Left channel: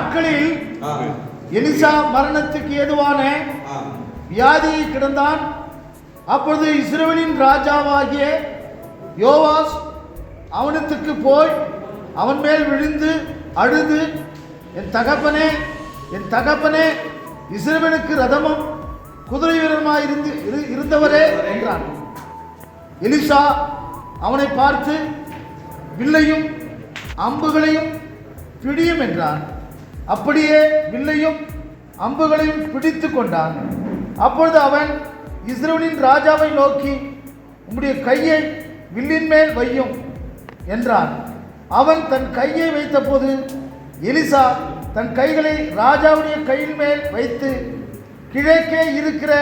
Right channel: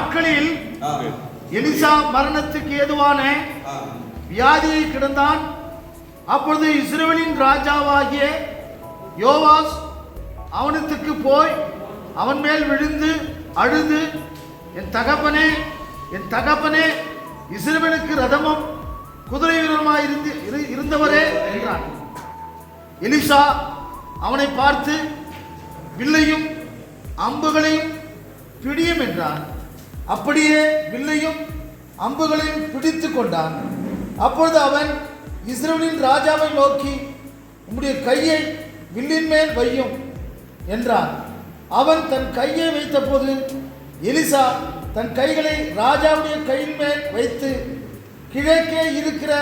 அந்நாட்களில் எலிசா மரணத்துக்கு ஏதுவான வியாதியை கிடந்தான். அப்பொழுது இஸ்ரவேலின் ராஜாவாகிய யோவாஸ் அவனத்துக்கு போய் அவன் மேல் விழுந்து அழுது, என் தகப்பனே, இஸ்ரவேலுக்கு ரதமும் குதிரை வீரருமாய் இருந்தவரே என்றான். எலிசா அவனை பார்த்து, வில்லையும் அம்புகளையும் பிடியும் என்றான். அப்படியே வில்லையும் அம்புகளையும் பிடித்து கொண்டான். அப்பொழுது அவன் இஸ்ரவேலின் ராஜாவை நோக்கி, உம்முடைய கையை வில்லின் மேல் வையும் என்றான். அவன் தன் கையை வைத்தபோது எலிசா தன் கைகளை ராஜாவுடைய கையின் மேல் வைத்து, கிழக்கே இருக்கிற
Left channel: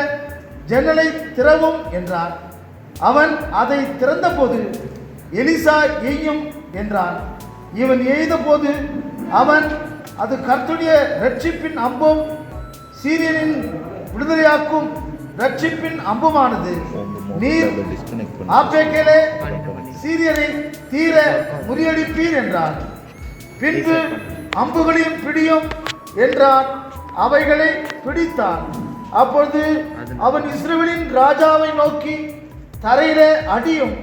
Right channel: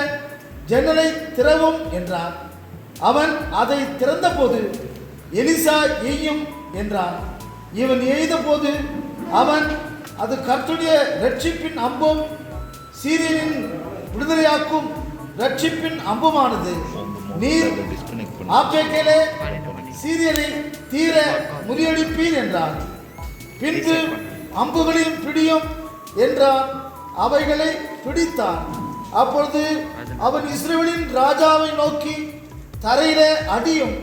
ஜன்னலை திறவும் என்றான். அவன் அதை திறந்தபோது எலிசா எய்யும் என்றான். இவன் எய்த போது அவன், அது கர்த்தருடைய ரட்சிப்பின் அம்பும் சீரியனின் விடுதலையாக்கும் ரட்சிப்பின் அம்புமானது. நீர் ஆப்பேக்கேலே சீரியனை தீர முறியடிப்பீர் என்றான். பின்பு அம்புகளையும் பிடியும் என்றான். அவைகளை பிடித்தான். அப்பொழுது அவன் இஸ்ரவேலின் ராஜாவை நோக்கி, தரையிலே அடியும்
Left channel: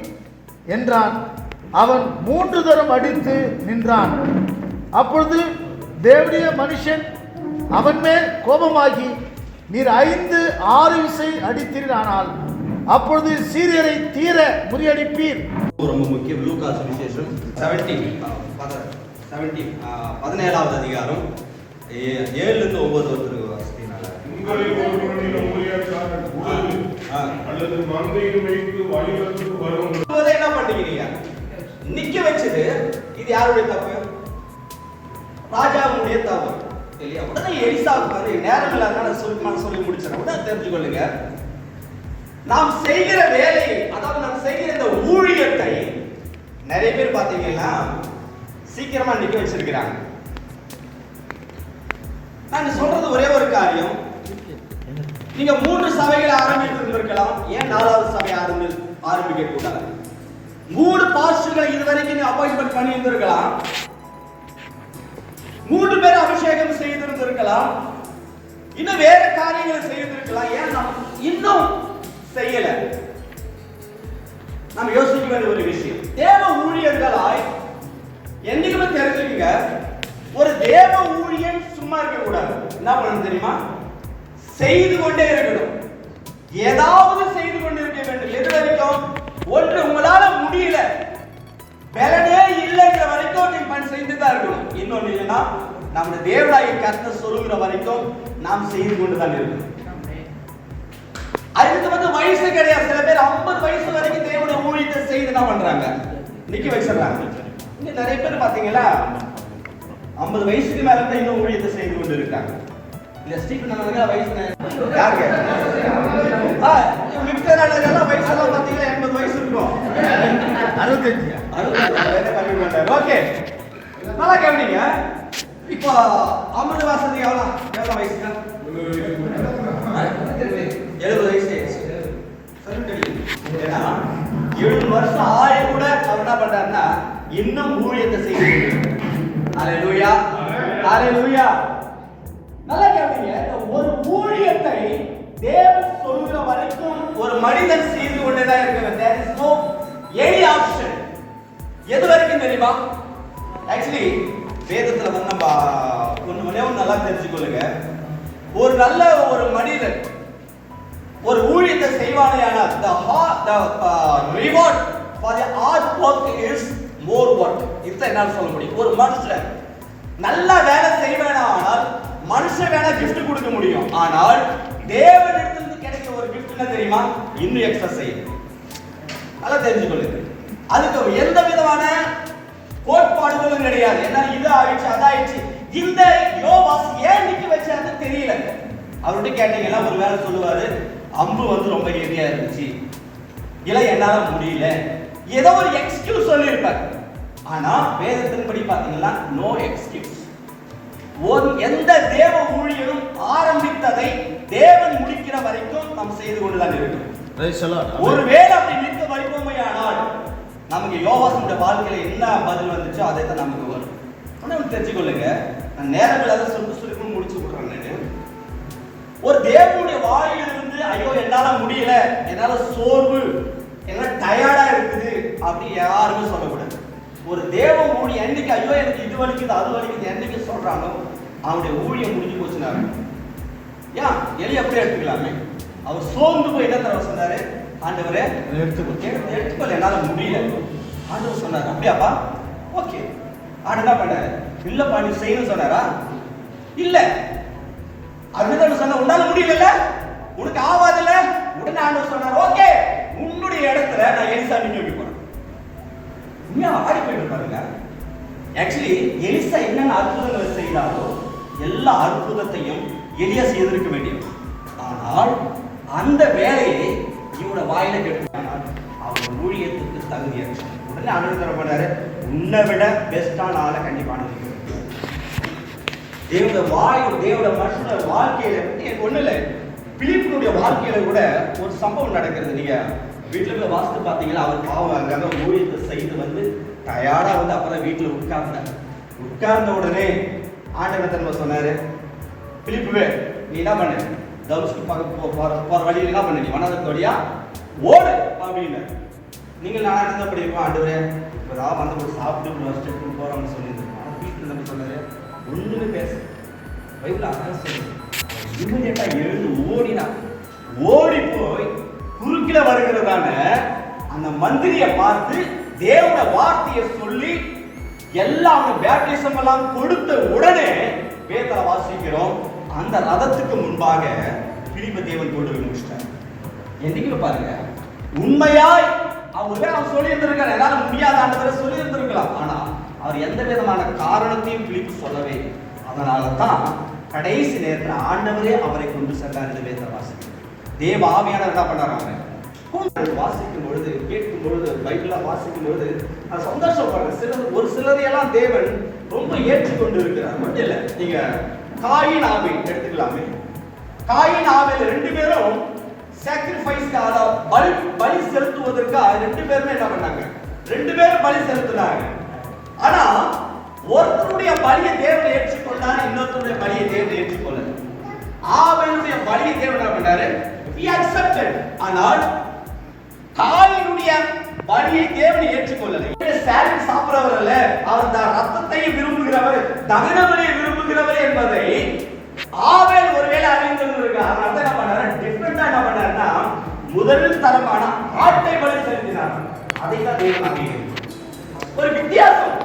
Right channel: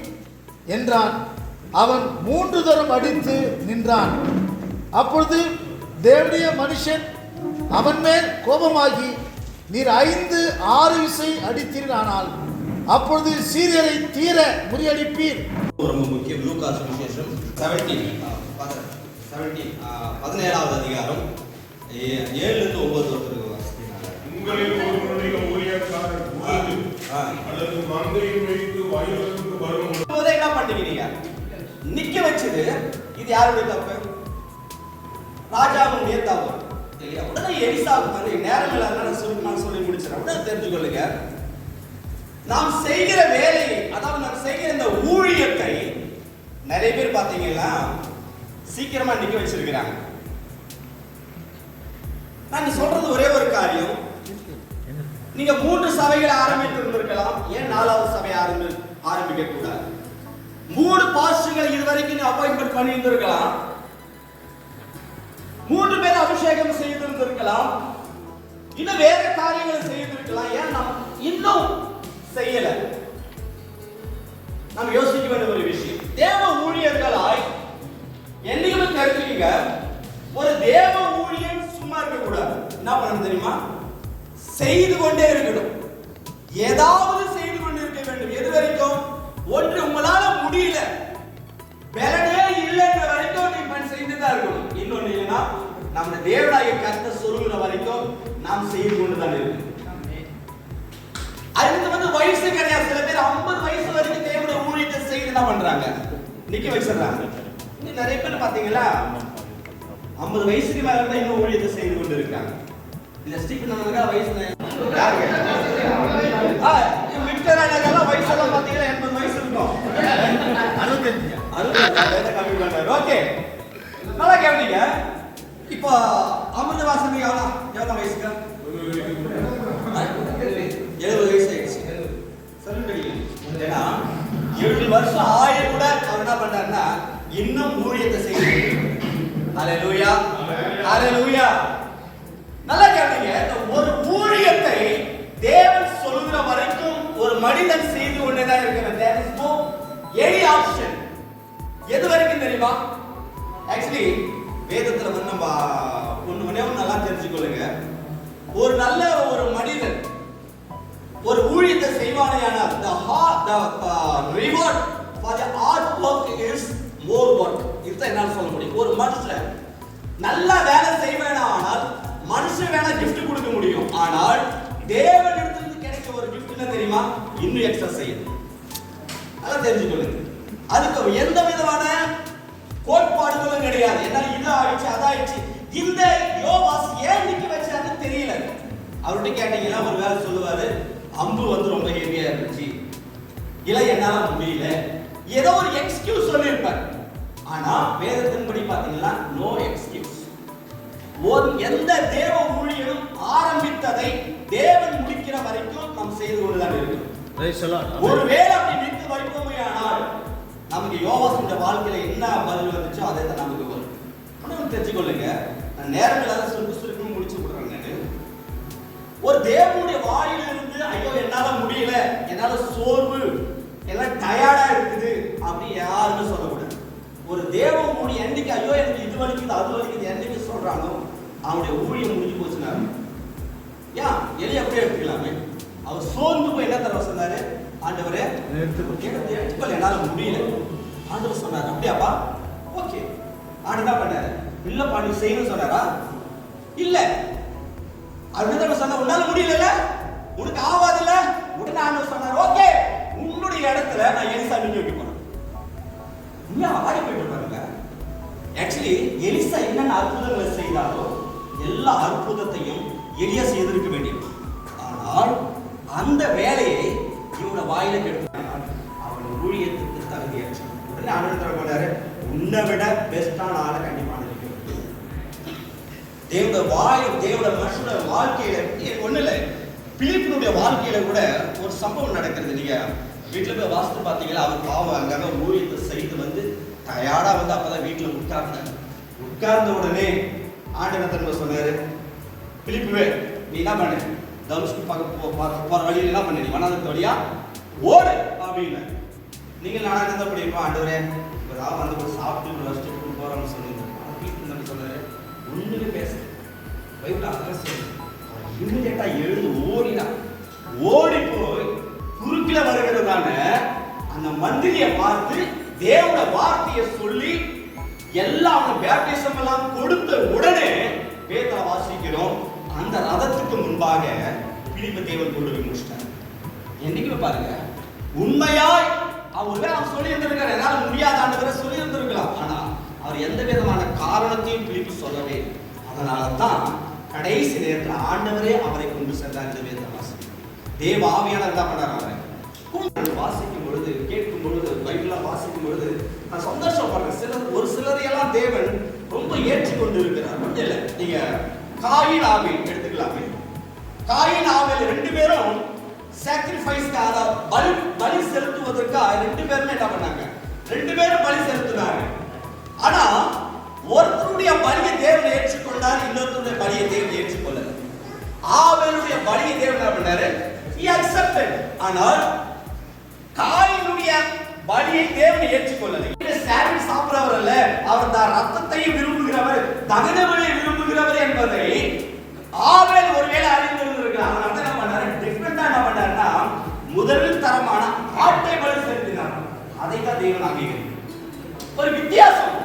என்றான். அவன் 3 தரம் அடித்து நின்றான். அப்பொழுது தேவனுடைய மனுஷன் அவன் மேல் கோபமாகி, நீர் 5-6 விசை அடித்தீரானால் அப்பொழுது சீரியரை தீர முறியடிப்பீர். ரொம்ப முக்கியம். லூக்கா சுவிசேஷம் 17வது அதிகாரம் 7-9 ஒருத்தருக்கு உங்களில் ஒருவனுடைய ஊழியக்காரன் அல்லது மந்தையின் மேய்த்து வயலுக்கு வரும் என்ன பண்ணுகிறீங்க? நிக்க வச்சது இது யாருடைய தப்பு? ராஜாவுடைய தப்பு இல்லையா? உடனே எலிசாவுக்கு வந்து நேரங்கள் அதனால சொல்லி முடிச்சிடறேன். உடனே தெரிஞ்சுக்கொள்ளுங்க, நாம் செய்கிற வேலை, அதாவது நாம் செய்கிற இந்த ஊழியத்தை நிறைய பேர் பார்த்தீங்கன்னா சீக்கிரமா நிக்க வச்சிருக்கிறாங்க. நான் சொல்றது ஒரே ஒரு காரியம், நீங்க 3 சபைகளை ஆரம்பித்து இருக்கலாம், ஏன் 4வது சபை ஆரம்பிக்க கூடாது? 3 பாஸ்டர்களை இதுவரைக்கும் நீ அப்பாயின்மெண்ட் பண்ணி இருந்திருக்கலாம், 3 பேர் அபிஷேகம் செய்திருந்திருக்கலாம், இன்னும் வேற காரியங்களை செய்திருக்கலாம். ஏன் நாம் இன்னும் செய்யல? நாம் யோசிக்க வேண்டிய ஒரு விஷயம், தேவ ஊழியர்களாய் என்னைக்குமே தெரிஞ்சுக்கங்க, ஒரு தேவ ஊழியன் சும்மா இருக்க கூடாது. என்ன பண்ணணும் தெரியுமா? செய்து கொண்டே இருக்கணும். ஏதாவது செய்து கொண்டே இருக்க வேண்டும். எது வரைக்கும்? ஒன்று உங்களால முடியல, பலனே இல்லைங்கிற வரைக்கும் நீங்க செய்து தான் இருக்கணும். இன்னொன்னு என்னன்னா, நம்ம தேவனாகிய கர்த்தர் சொல்லுகிற வரைக்கும் நாம் செய்து கொண்டு தான் இருக்கணும். அதுக்கு வந்து வயசு கிடையாது. சில பேர் 50 வயசு வரைக்கும் தேவனுடைய ஊழியத்தை செய்து என்ன பண்றாங்க? நிக்க வச்சிடறாங்க. இங்க நிறைய பேர் பாத்தீங்களா 50 வயசுக்கு மேல இருந்து இன்னும் ஊழியத்தை செய்து கொண்டு இருக்காங்க. இல்ல ஸ்டீபன் அவர்கள் வயசு யாருங்க? விக்டர் அவர்கள் வயசு எல்லாம் பாத்தீங்களா 80 வயசு இருக்கும். 65 கம்மி பண்றாரு. ஓகே, நல்லா கவனிங்க. இப்போ அமிர்தவாசன் எவ்வளவு வயசுக்கா? 70 வயசு. 7 வருஷம் ஆய கூட அவர் என்ன பண்றாருன்னா இன்னும் ஊழியத்தை செய்யுங்க. ஹalleluya, ஹalleluya. நல்லா கேளுங்க, ஒரு ஊழியத்தை தேவன் சொல்லுகிற வரைக்கும் ஒரு மனிதன் செய்து கொண்டே தான் இருக்கிறது. there is no any option. எது வரைக்கும் தெரியுமா? ஆக்சுவலி வேதத்துல வந்து நம்ம ஒண்ணு நல்லா தெரிஞ்சுக்கொள்ளுங்க. ஒரு நல்ல ஒரு மனிதன் ஒரு ஊழியத்தை செய்வானேயானால் the reward for the hard work is more work. இதுதான் என்னால சொல்ல முடியும். ஒரு மனுஷன் நல்ல வேலை செய்வானால் மனுஷன் வேணா gift கொடுக்க முடியும், ஆனால் தேவனிடத்திலிருந்து கிடைக்கிற ஒரு gift என்ன தெரியுமா? இன்னும் எக்ஸ்ட்ரா செய்யும். நல்லா தெரிஞ்சுக்கொள்ளுங்க. அதுக்கு எந்த விதமான கோட்பாடுகளும் கிடையாது. ஏன்னா இது ஆயிடுச்சு அதாயிடுச்சு. இந்த யோவாஸ் ஏன் நிக்க வச்சாருன்னு தெரியல. அவர்கிட்ட கேட்டீங்கன்னா ஒரு வேலை சொல்லுவாரு, அம்பு வந்து ரொம்ப ஹெவியா இருந்துச்சு, இல்ல என்னால முடியல, ஏதோ ஒரு எக்ஸ்கியூஸ் சொல்லியிருப்பார். ஆனா வேதத்தின்படி பாத்தீங்கன்னா நோ எக்ஸ்கியூஸ். எந்த தேவ ஊழியனும் ஆரம்பித்ததை தேவன் முடிக்கிற வரைக்கும் நாம் செய்து கொண்டுதான் இருக்கணும். ஒருவேளை அப்படி நிற்க வைப்போமே ஆனால் நமக்கு யோவாசுடைய வாழ்க்கையில என்ன பதில் வந்துச்சோ அதை தான் நமக்கு வரும். தெரிஞ்சுக்கொள்ளுங்க, நான் நேரம் இல்லாத சுருக்கு முடிச்சு விடுறேன். நான் ஒரு தேவனுடைய வாயிலிருந்து ஐயோ என்னால முடியல, என்னால சோர்வு, என்னால டயர்டா இருக்குது அப்படி யாருமே சொல்லக்கூடாது. ஒரு தேவ ஊழியம் என்னைக்கு ஐயோ எனக்கு இது வலிக்குது அது வலிக்குது என்னைக்கு சொல்றானோ அவனுடைய ஊழியம் முடிஞ்சு போச்சுனாரு. ஏன் எலி அப்படியே எடுத்துக்கலாமே. அவர் சோர்ந்து போய் என்ன தர சொன்னாரு, ஆண்டவரே எடுத்துக்கொள்ள என்னால முடியல. ஆண்டவர் சொன்னாரு அப்படியாப்பா, ஓகே. ஆண்டு என்ன பண்ணாரு, இல்லப்பா நீ செய்யணும்னு சொன்னாரா? இல்ல அப்படிதான் சொன்ன, உன்னால முடியல, உனக்கு ஆவாது இல்ல. உடனே ஆண்டவர் சொன்னார், ஓகே உன்னுடைய இடத்துல நான் எலிசா நிக்க வைக்க போறேன். உண்மையா ஆடி போயிட்டு பாருங்க. ஆக்சுவலி எலிசா என்னென்ன அற்புதங்களை செய்தாரோ எல்லா அற்புதத்தையும் எலியா செய்திருக்க வேண்டியது. ஆனால் அந்த வேலையை இவனோட வாயில கெடுத்தாங்க. அவன் ஊழியத்துக்கு தகுதியாச்சு. உடனே ஆண்டவர் தரப்படாரு, உன்னை விட பெஸ்டான ஆளை கண்டிப்பான தேவட வாய் தேவட மனுஷனோட வாழ்க்கையில ஒண்ணு இல்லை. பிலிப்பினுடைய வாழ்க்கையில கூட ஒரு சம்பவம் நடக்கிறது. நீங்க வீட்டுல போய் வாசித்து பாத்தீங்களா, அவர் பாவம் அங்கங்க ஊழியத்தை செய்து வந்து டயர்டா வந்து அப்பதான் வீட்டுல உட்கார்ந்தாங்க. உட்கார்ந்த உடனே ஆண்டவர் தன்மை சொன்னாரு, பிலிப்புவே நீ என்ன பண்ணு, தனுஷ்க்கு போற வழியில் என்ன பண்ணு, நீ வனதத்து வழியா ஓடு அப்படின்னு. நீங்க நானா இருந்தா படிப்பா, ஆண்டவரே இப்பதான் வந்து சாப்பிட்டு வருஷத்துக்கு போறோம்னு சொல்லியிருந்தேன். வீட்டுல நம்ம சொன்னாரு ஒண்ணுமே பேச பைபிள் அதான் சொல்லுங்க. இமிடியேட்டா எழுந்து ஓடினா, ஓடி போய் குறுக்கில வருகிறதான அந்த மந்திரியை பார்த்து தேவன வார்த்தையை சொல்லி எல்லாம் பேப்டிசம் எல்லாம் கொடுத்த உடனே பேதரை வாசிக்கிறோம், அந்த ரதத்துக்கு முன்பாக பிலிப்பை தேவன் கொண்டு போய் முடிச்சிட்டார். என்னைக்குமே பாருங்க, உண்மையாய் அவர் சொல்லி இருந்திருக்காரு, என்னால முடியாத சொல்லி இருந்திருக்கலாம். ஆனா அவர் எந்த விதமான காரணத்தையும் பிலிப்பு சொல்லவே. அதனால தான் கடைசி நேரத்தில் ஆண்டவரே அவரை கொண்டு சென்றார். இந்த வேத வாசிக்க தேவ ஆவியானவர் என்ன பண்ணாங்க, வாசிக்கும் பொழுது கேட்கும் பொழுது பைபிளா வாசிக்கும் பொழுது நான் சந்தோஷப்படுறேன். ஒரு சிலரையெல்லாம் தேவன் ரொம்ப ஏற்றுக்கொண்டு இருக்கிறார். மட்டும் இல்லை, நீங்க காயின் ஆபேல் எடுத்துக்கலாமே. காயின் ஆபேல் ரெண்டு பேரும் சாக்ரிஃபைஸ்க்காக பலி செலுத்துவதற்காக ரெண்டு பேருமே என்ன பண்ணாங்க, ரெண்டு பேரும் பலி செலுத்தினாங்க. ஆனா ஒருத்தருடைய பலியை தேவன் ஏற்றுக்கொண்டார், இன்னொருத்தருடைய பலியை தேவன் ஏற்றுக்கொள்ளல. ஆபேலுடைய பலியை தேவன் என்ன பண்ணாரு, he accepted. ஆனால் காயினுடைய பலியை தேவன் ஏற்றுக்கொள்ளல. சாப்பிட்டு சாப்பிடுறவர் அல்ல, அவர் தான் ரத்தத்தையும் விரும்புகிறவர், தகன பலியை விரும்புகிறவர் என்பதை ஆபேல் ஒருவேளை அறிந்திருந்திருக்கிறார். அதனால என்ன பண்ணாரு, டிஃபரெண்டா என்ன பண்ணாருன்னா முதல் தரமான ஆட்டை பலி செலுத்தினார். அதை தான் தேவன் அங்கீகரித்தார். ஒரு வித்தியாசம்,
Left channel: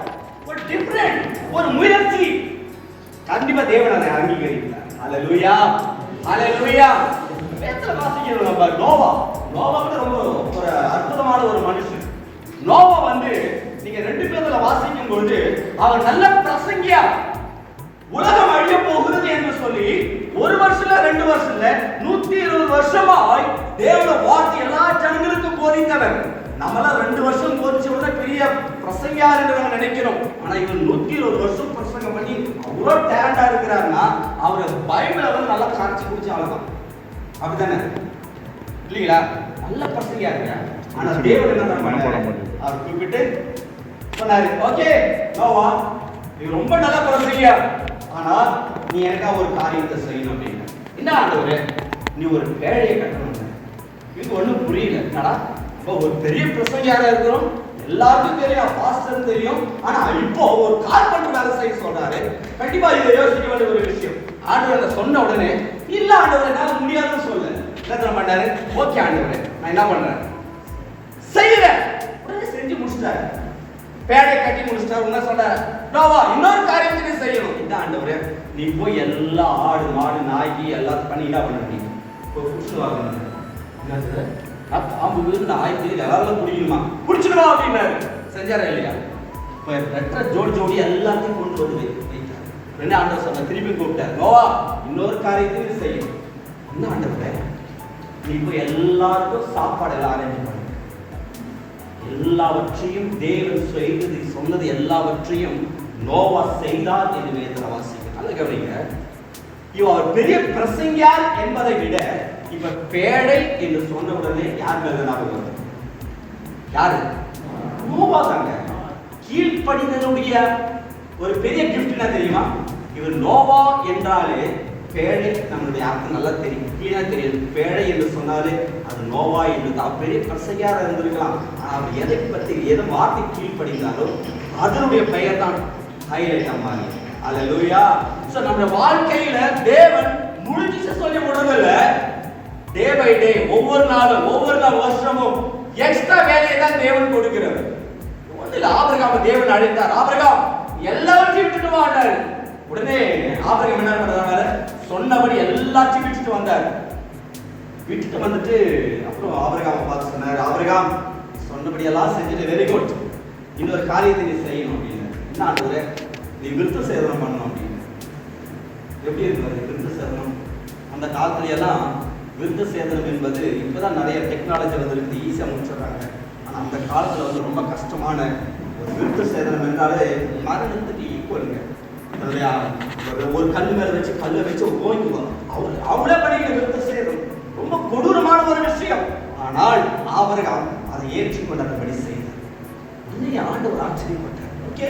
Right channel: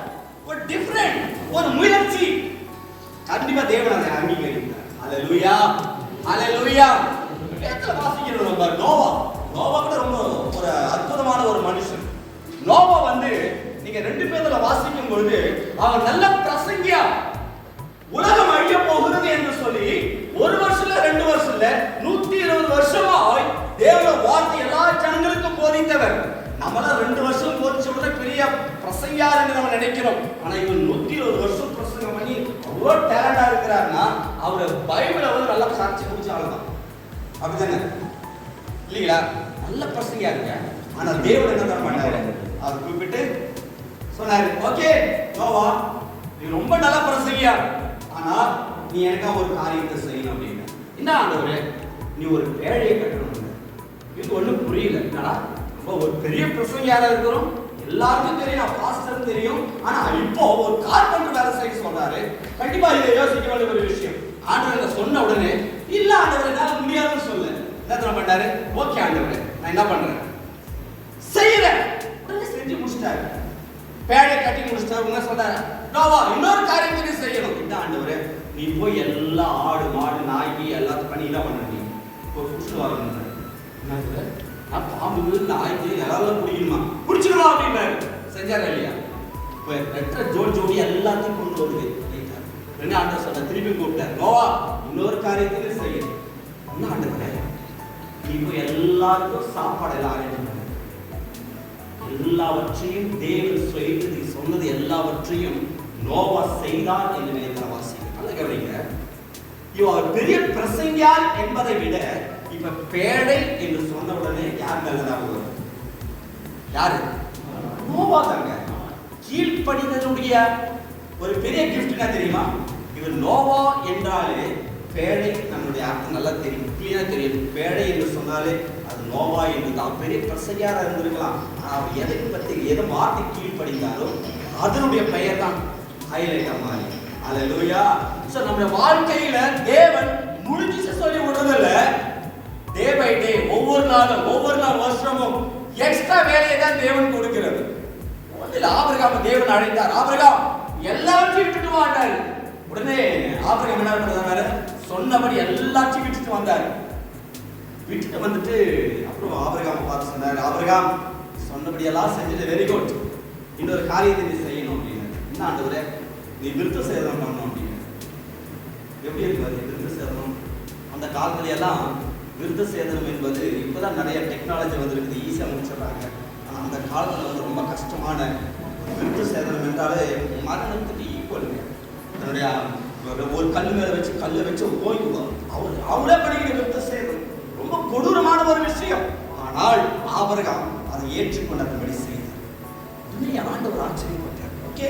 ஒரு டிஃபரெண்ட், ஒரு முயற்சி கண்டிப்பா தேவன் அதை அங்கீகரித்தார். ஹல்லேலூயா, ஹல்லேலூயா. வேதத்துல வாசிக்கிறோம் நம்ம நோவா கூட ரொம்ப ஒரு அற்புதமான ஒரு மனுஷன். நோவா வந்து நீங்க ரெண்டு பேர்ல வாசிக்கும் பொழுது அவன் நல்ல பிரசங்கியா, உலகம் அழிய போகிறது என்று சொல்லி ஒரு வருஷம் 2 வருஷம் 120 வருஷமாய் தேவனுடைய வார்த்தை எல்லா ஜனங்களுக்கும் போதித்தவர். நம்மளாம் 2 வருஷம் போதிச்ச உடனே பெரிய பிரசங்கியா இருக்கிறவங்க நினைக்கிறோம். ஆனா இவன் 120 வருஷம் பிரசங்கம் பண்ணி அவ்வளவு டேலண்டா இருக்கிறாருன்னா அவரை பைபிளை வந்து நல்லா காட்சி குடிச்சு ஆகலாம். அப்படித்தானே இல்லைங்களா? நல்ல பிரசங்கியா இருக்க. ஆனா தேவன் என்ன பண்ணாரு, அவர் கூப்பிட்டு சொன்னாரு, ஓகே நோவா நீ ரொம்ப நல்ல பிரசங்கியா, ஆனா நீ எனக்கா ஒரு காரியத்தை செய்யணும் அப்படின்னு. என்ன ஆண்டவரே, நீ ஒரு பேழையை கட்டணும். இது ஒண்ணும் புரியல. என்னடா இப்போ ஒரு பெரிய பிரசங்கியாரா இருக்கிறோம், எல்லாருக்கும் தெரியும், பாஸ்டர் தெரியும். ஆனா இப்போ ஒரு கார்பெண்டர் வேலை செய்ய சொல்றாரு. கண்டிப்பா இதை யோசிக்க வேண்டிய ஒரு விஷயம். ஆண்டவர் சொன்ன உடனே இல்ல ஆண்டவரே என்னால முடியாதுன்னு சொல்ல என்ன பண்ணாரு, ஓகே ஆண்டவரே நான் என்ன பண்றேன் செய்யறேன். உடனே செஞ்சு முடிச்சிட்டாரு, பேழை கட்டி முடிச்சிட்டாரு. என்ன சொல்றாரு, நோவா இன்னொரு காரியத்தை செய்யணும். இந்த ஆண்டவரே நீ போய் எல்லா ஆடு மாடு நாய்க்கு எல்லாத்தையும் பண்ணி என்ன பண்ண, நீ இப்போ புடிச்சு வரணும். என்ன பாம்பு நாய்க்கு எல்லாரும் பிடிக்கணுமா, பிடிச்சிடுமா அப்படின்னாரு. செஞ்சாரா இல்லையா? இப்போ ரெட்டை ஜோடி எல்லாத்தையும் கொண்டு வந்து வைத்தார். உடனே ஆண்டவர் சொன்ன திருப்பி கூப்பிட்டார், நோவா இன்னொரு காரியத்தையும் செய்யணும். என்ன ஆண்டவரே, நீ போய் எல்லாருக்கும் சாப்பாடு எல்லாம் அரேஞ்ச் பண்ண, எல்லாவற்றையும் தேவன் செய்து சொன்னது எல்லாவற்றையும் நோவா செய்தார் என்று வேதத்துல வாசிக்கிறோம். நல்ல கவனிங்க, இவர் பெரிய பிரசங்கியார் என்பதை விட இப்ப பேழை என்று சொன்ன உடனே யார் மேல ஞாபகம் வரும்? யாரு? நோவா தாங்க. கீழ்ப்படிதலுடைய ஒரு பெரிய கிஃப்ட் என்ன தெரியுமா? இவர் நோவா என்றாலே பேழை நம்மளுடைய அர்த்தம் நல்லா தெரியும், கிளியா தெரியும். பேழை என்று சொன்னாலே அது நோவா என்று தான். பெரிய பிரசங்கியாரா இருந்திருக்கலாம், ஆனால் அவர் எதை பற்றி எதை வார்த்தை கீழ்ப்படிந்தாரோ அதனுடைய பெயர் தான் ஹைலைட் அம்மாரி. அல்லேலூயா. சோ நம்முடைய வாழ்க்கையில தேவன் முடிஞ்சு சொல்லி விடுறதில்ல, டே பை டே, ஒவ்வொரு நாளும் வருஷமும் எக்ஸ்ட்ரா வேலையை தான் தேவன் கொடுக்கிறது. ஒன்றில் ஆபிரகாம் தேவன் அழைத்தார், ஆபிரகாம் எல்லாவற்றையும் விட்டுட்டு வாண்டாரு. உடனே ஆபிரகாம் என்ன பண்றாரு, சொன்னபடி எல்லாத்தையும் விட்டுட்டு வந்தார். விட்டுட்டு வந்துட்டு அப்புறம் ஆபிரகாம் பார்த்து சொன்னார், ஆபிரகாம் சொன்னபடி எல்லாம் செஞ்சுட்டு வெரி குட், இன்னொரு காரியத்தை நீ செய்யணும் அப்படின்னு. என்ன ஆண்டவரே, நீ விருத்த சேதனம் பண்ணணும் அப்படின்னு. எப்படி இருக்கு விருத்த சேதனம்? அந்த காலத்துல எல்லாம் விருத்த சேதனம் என்பது இப்பதான் நிறைய டெக்னாலஜி வந்துருக்குது, ஈஸியா முடிச்சிடறாங்க. ஆனா அந்த காலத்துல வந்து ரொம்ப கஷ்டமான ஒரு விருத்த சேதனம் என்றாலே மரணத்துக்கு ஈக்குவலுங்க. ஒரு கல்லு மேல வச்சு கல்லை வச்சு ஓய்வுவான், அவளே பண்ணிக்கிற விருத்த சேதனம் ரொம்ப கொடூரமான ஒரு விஷயம். ஆனால் ஆபிரகாம் அதை ஏற்றுக்கொண்டபடி செய்தார். உண்மையை ஆண்டவர் ஆச்சரியப்பட்டார். ஓகே,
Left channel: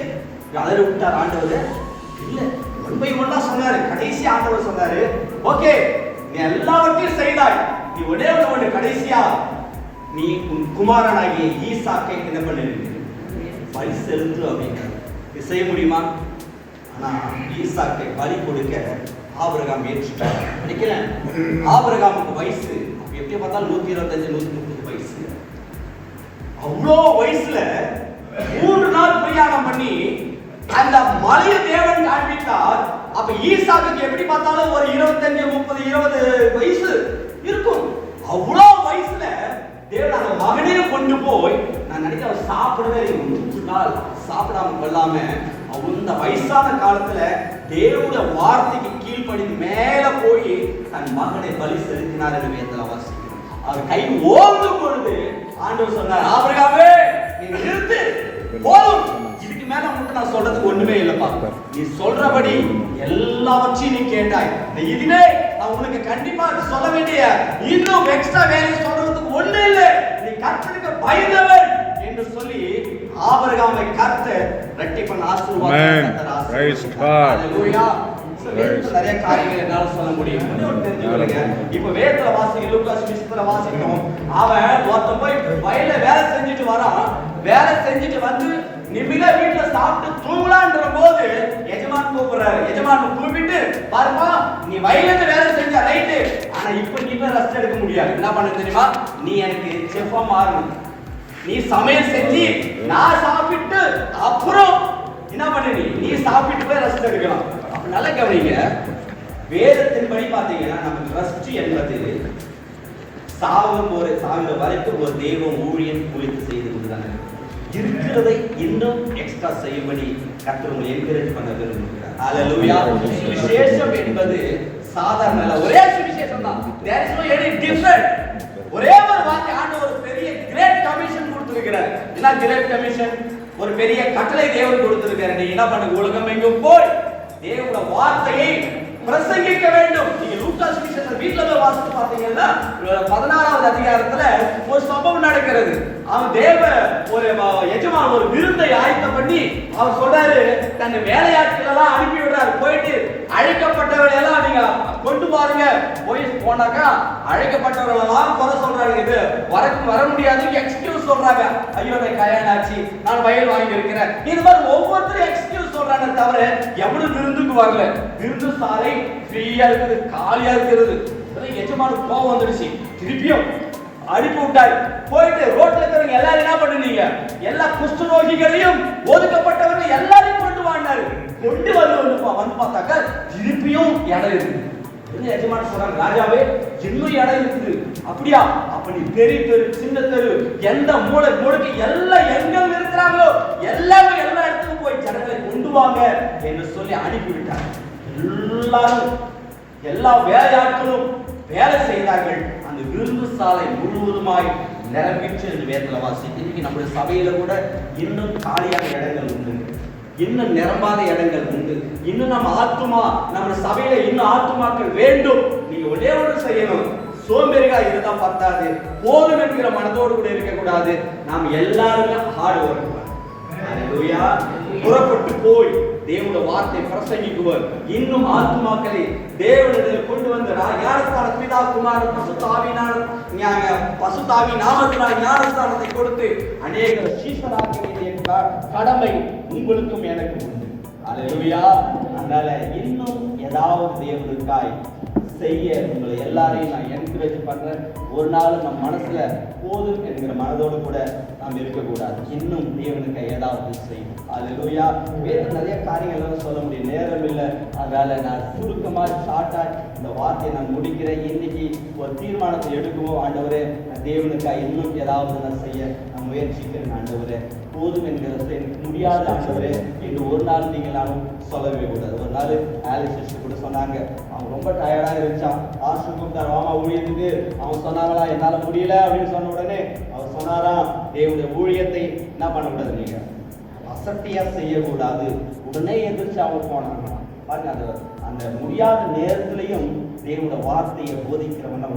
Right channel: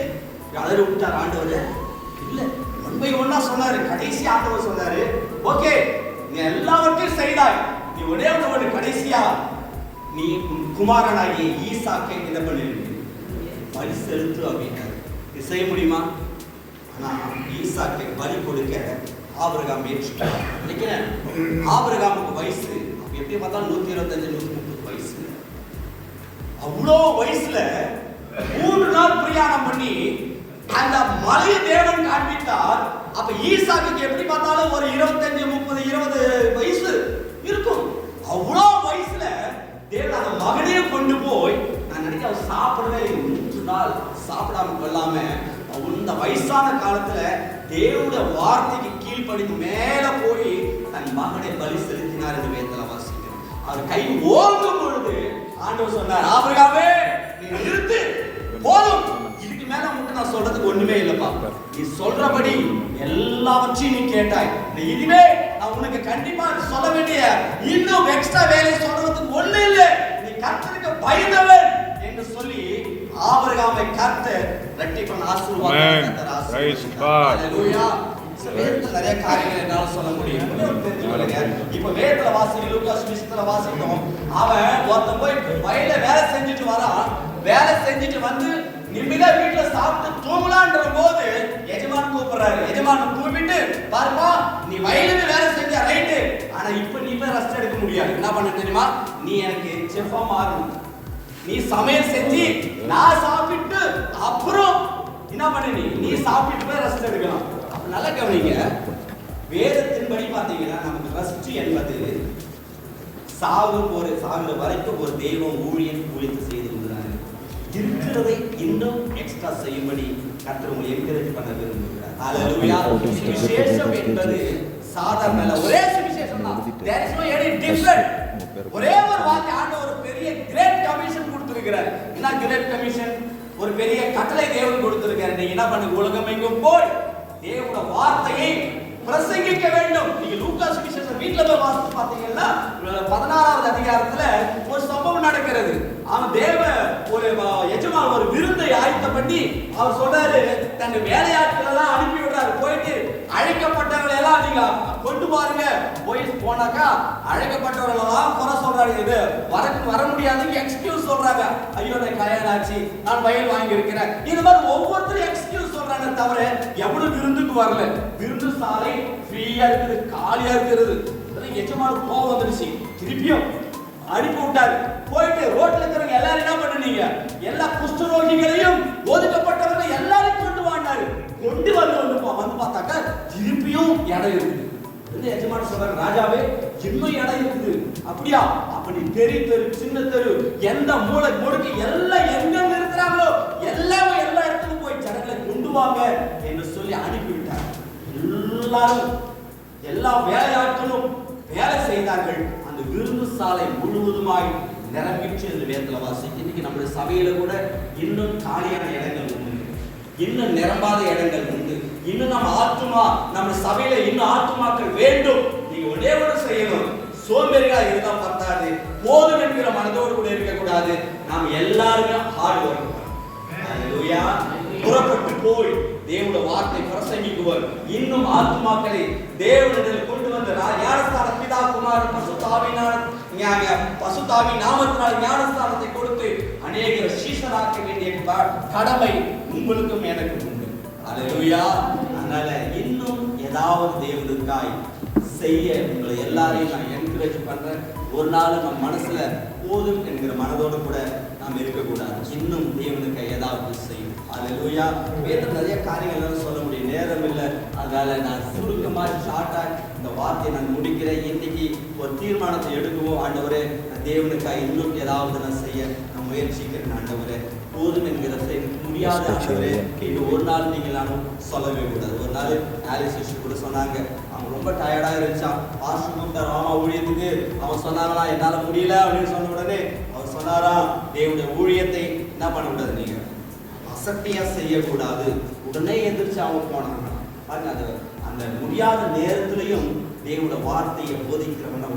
அலற விட்டார் ஆண்டவர் இல்ல, ஒன்பை ஒன்னா சொன்னாரு. கடைசி ஆண்டவர் சொன்னாரு, ஓகே நீ எல்லாவற்றையும் செய்தாய், நீ ஒரே ஒன்று கடைசியா நீ உன் குமாரனாகிய ஈசாக்கை என்ன பண்ணிருக்கு பலி செலுத்து அப்படின்றார். இது செய்ய முடியுமா? ஆனா ஈசாக்கை பலி கொடுக்க ஆபிரகாம் ஏற்றுட்டார். நினைக்கிறேன் ஆபிரகாமுக்கு வயசு எப்படி பார்த்தாலும் 125 130 வயசு. அவ்வளோ வயசுல 3 நாள் பிரயாணம் பண்ணி அந்த மலையை தேவன் காண்பித்தார். அப்ப ஈசாக்குக்கு எப்படி பார்த்தாலும் ஒரு 25 30 20 வயசு இருக்கும். அவ்வளோ வயசுல தேவன் அந்த மகனையும் கொண்டு போய், நான் நினைக்க அவர் சாப்பிடவே 3 நாள் சாப்பிடாம கொள்ளாம அந்த வயசான காலத்துல தேவனுடைய வார்த்தைக்கு கீழ்ப்படிந்து மேல போய் தன் மகனை பலி செலுத்தினார் என்று வேதத்துல வாசிக்கிறோம். அவர் கை ஓங்கும் பொழுது ஆண்டவர் சொன்னார், ஆபிரகாமே நீ நிறுத்து, போதும், இதுக்கு மேல உங்களுக்கு நான் சொல்றதுக்கு ஒண்ணுமே இல்லப்பா, நீ சொல்றபடி எல்லாவற்றையும் நீ கேட்டாய், இதுவே நான் உனக்கு கண்டிப்பா சொல்ல வேண்டிய இன்னும் எக்ஸ்ட்ரா வேலை சொல்றதுக்கு ஒண்ணு இல்லை, நீ கர்த்தருக்கு பயந்தவன் என்று சொல்லி ஆபிரகாமை கர்த்தர் இரட்டிப்பான ஆசீர்வாதத்தை ஹalleluya. வேதத்துல நிறைய காரியங்கள் என்னால சொல்ல முடியும். இப்ப வேதத்துல வாசிக்க லூக்கா சுவிசேஷத்துல வாசிக்கிறோம், அவன் ஒருத்தன் போய் வயல்ல வேலை செஞ்சுட்டு வரான். வேலை செஞ்சுட்டு வந்து நிமிட வீட்டுல சாப்பிட்டு தூங்கலான்ற போது எஜமான் கூப்பிடுறாரு. எஜமான் கூப்பிட்டு, பாருமா நீ வயலுக்கு வேலை செஞ்ச ரைட்டு, ஆனா இப்ப நீ போய் ரெஸ்ட் எடுக்க முடியாது. என்ன பண்ண தெரியுமா, நீ எனக்கு செஃப்பா மாறணும், நீ சமையல் செஞ்சு நான் சாப்பிட்டு அப்புறம் என்ன பண்ணு, நீ சாப்பிட்டு போய் ரெஸ்ட் எடுக்கலாம். அப்ப நல்ல கவனிங்க, வேதத்தின்படி பாத்தீங்கன்னா நமக்கு ரெஸ்ட் என்பது சாகுற வரைக்கும் ஒரு தெய்வம் ஊழியம் குறித்து செய்து கொண்டுதான் இருக்கிறதை இன்னும் எக்ஸ்ட்ரா செய்யும்படி கர்த்தர் உங்களை என்கரேஜ் பண்ண விரும்புகிறார். ஹalleluya. விசேஷம் என்பது சாதாரண அல்ல, ஒரே விசேஷம் தான். there is no any different. ஒரே ஒரு வார்த்தை ஆண்டவர் ஒரு பெரிய கிரேட் கமிஷன் கொடுத்திருக்கிறார். என்ன கிரேட் கமிஷன்? ஒரு பெரிய கட்டளை தேவன் கொடுத்திருக்கிறார். நீங்க என்ன பண்ணுங்க, உலகம் எங்கும் போய் தேவனுடைய வார்த்தையை பிரசங்கிக்க வேண்டும். நீங்க லூக்கா சுவிசேஷம் வீட்ல போய் வாசித்து பார்த்தீங்கன்னா 16வது அதிகாரத்துல ஒரு சம்பவம் நடக்கிறது. அவன் ஒரு எஜமான் ஒரு விருந்தை ஆயத்தம் பண்ணி அவர் சொல்றாரு, தன் வேலையாட்கள் எல்லாம் அனுப்பி விடுறாரு. போயிட்டு அழைக்கப்பட்டவர்கள் எல்லாம் நீங்க கொண்டு பாருங்க. போனாக்கா அழைக்கப்பட்டவர்கள் எல்லாம் குறை சொல்றாங்க, இது வர முடியாது எக்ஸ்கியூஸ் சொல்றாங்க. ஐயோ நான் கல்யாணம் ஆச்சு, நான் வயல் வாங்கி இருக்கிறேன், இது மாதிரி ஒவ்வொருத்தரும் எக்ஸ்கியூஸ் சொல்றாங்க. தவிர எவ்வளவு விருந்துக்கு வரல. விருந்து சாலை ஃப்ரீயா இருக்குது, காலியா இருக்கிறது. எஜமானுக்கு கோவம் வந்துடுச்சு, திருப்பியும் அனுப்பி விட்டாரு. போயிட்டு ரோட்ல இருக்கிறவங்க எல்லாரும் என்ன பண்ணுவீங்க, எல்லா குஷ்டரோகிகளையும் ஒதுக்கப்பட்டவர்கள் எல்லாரையும் கொண்டு வாண்டாரு. கொண்டு வந்து பார்த்தாக்க திருப்பியும் இடம் இருக்குது. எஜமான் சொல்றாங்க, ராஜாவே இன்னும் இடம் இருக்குது. அப்படியா? அப்ப நீ பெரிய தெரு சின்ன தெரு எந்த மூளை முடுக்கு எல்லாம் எங்க இருக்கிறாங்களோ எல்லாமே எல்லா இடத்துக்கும் போய் ஜனங்களை கொண்டு வாங்க என்று சொல்லி அனுப்பிவிட்டார். எல்லாரும் எல்லா வேலையாட்களும் வேலை செய்தார்கள். அந்த விருந்து சாலை முழுவதுமாய் நிரம்பிச்சு என்று வேதத்துல வாசிக்கிறோம். இன்னைக்கு நம்முடைய சபையில கூட இன்னும் காலியான இடங்கள் உண்டு, இன்னும் நிரம்பாத இடங்கள் உண்டு. இன்னும் நம்ம சபையில இன்னும் ஆத்துமாக்கள் வேண்டும். நீங்க ஒரே ஒன்று செய்யணும், சோம்பேறிகளா இருந்தா பத்தாது, போதும் என்கிற மனதோடு கூட இருக்க கூடாது. நாம் எல்லாருமே ஹார்ட் ஒர்க். அல்லேலூயா. புறப்பட்டு போய் தேவனுடைய வார்த்தை பிரசங்கிக்குவர். இன்னும் ஆத்துமாக்களை தேவனிடத்தில் கொண்டு வந்து ஞானஸ்தான பிதா குமாரன் பசுத்தாவி நாமத்தினால் ஞானஸ்தானத்தை கொடுத்து அநேகர் சீஷராக்க வேண்டிய கடமை உங்களுக்கும் எனக்கும் உண்டு. அல்லேலூயா. அதனால இன்னும் ஏதாவது தேவனுக்காய் செய்ய உங்களை எல்லாரையும் நான் என்கரேஜ் பண்றேன். ஒரு நாள் நம்ம மனசுல போதும் என்கிற மனதோடு கூட நாம் இருக்கக்கூடாது. இன்னும் தேவனுக்கு ஏதாவது செய்யும். அல்லேலூயா. வேறு நிறைய காரியங்கள் சொல்ல முடியும், நேரம் இல்லை. அதனால நான் சுருக்கமா ஷார்ட்டா இந்த வார்த்தையை நான் முடிக்கிறேன். இன்னைக்கு ஒரு தீர்மானத்தை எடுக்குவோம். ஆண்டவரே, தேவனுக்காக இன்னும் ஏதாவது நான் செய்ய நான் முயற்சிக்கிறேன். ஆண்டவரே, போதும் என்கிற முடியாத ஆண்டவரே இது ஒரு நாள் நீங்கள் நானும் சொல்லவே கூடாது. ஒரு நாள் ஆலிஸ் சிஸ்டர் கூட சொன்னாங்க, அவன் ரொம்ப டயர்டா இருந்துச்சான். பாஸ்டர் ராமா ஊழியத்துக்கு அவன் சொன்னாங்களா என்னால முடியல அப்படின்னு சொன்ன உடனே அவர் சொன்னாரா, தேவனுடைய ஊழியத்தை என்ன பண்ணக்கூடாது, நீங்க அசட்டியா செய்யக்கூடாது. உடனே எதிர்த்து அவங்க போனாங்க. பாருங்க, அந்த அந்த முடியாத நேரத்திலையும் தேவனுடைய வார்த்தையை போதிக்கிறவன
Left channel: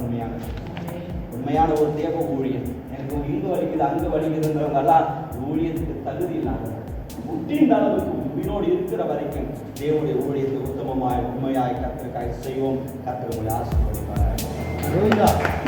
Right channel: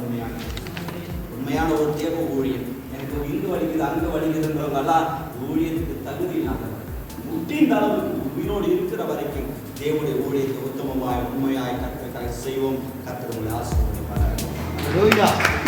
உண்மையான ஒரு தேவ ஊழியன். எனக்கு இங்கு வலிக்குது அங்கு வலிக்குதுன்றவங்கெல்லாம் ஊழியத்துக்கு தகுதி இல்லாதவங்க. முட்டின் அளவுக்கு உயிரோடு இருக்கிற வரைக்கும் தேவனுடைய ஊழியத்தை உத்தமமாய் உண்மையாய் கர்த்தருக்காய் செய்வோம். கர்த்தர் உங்களை ஆசீர்வதிப்பாராக.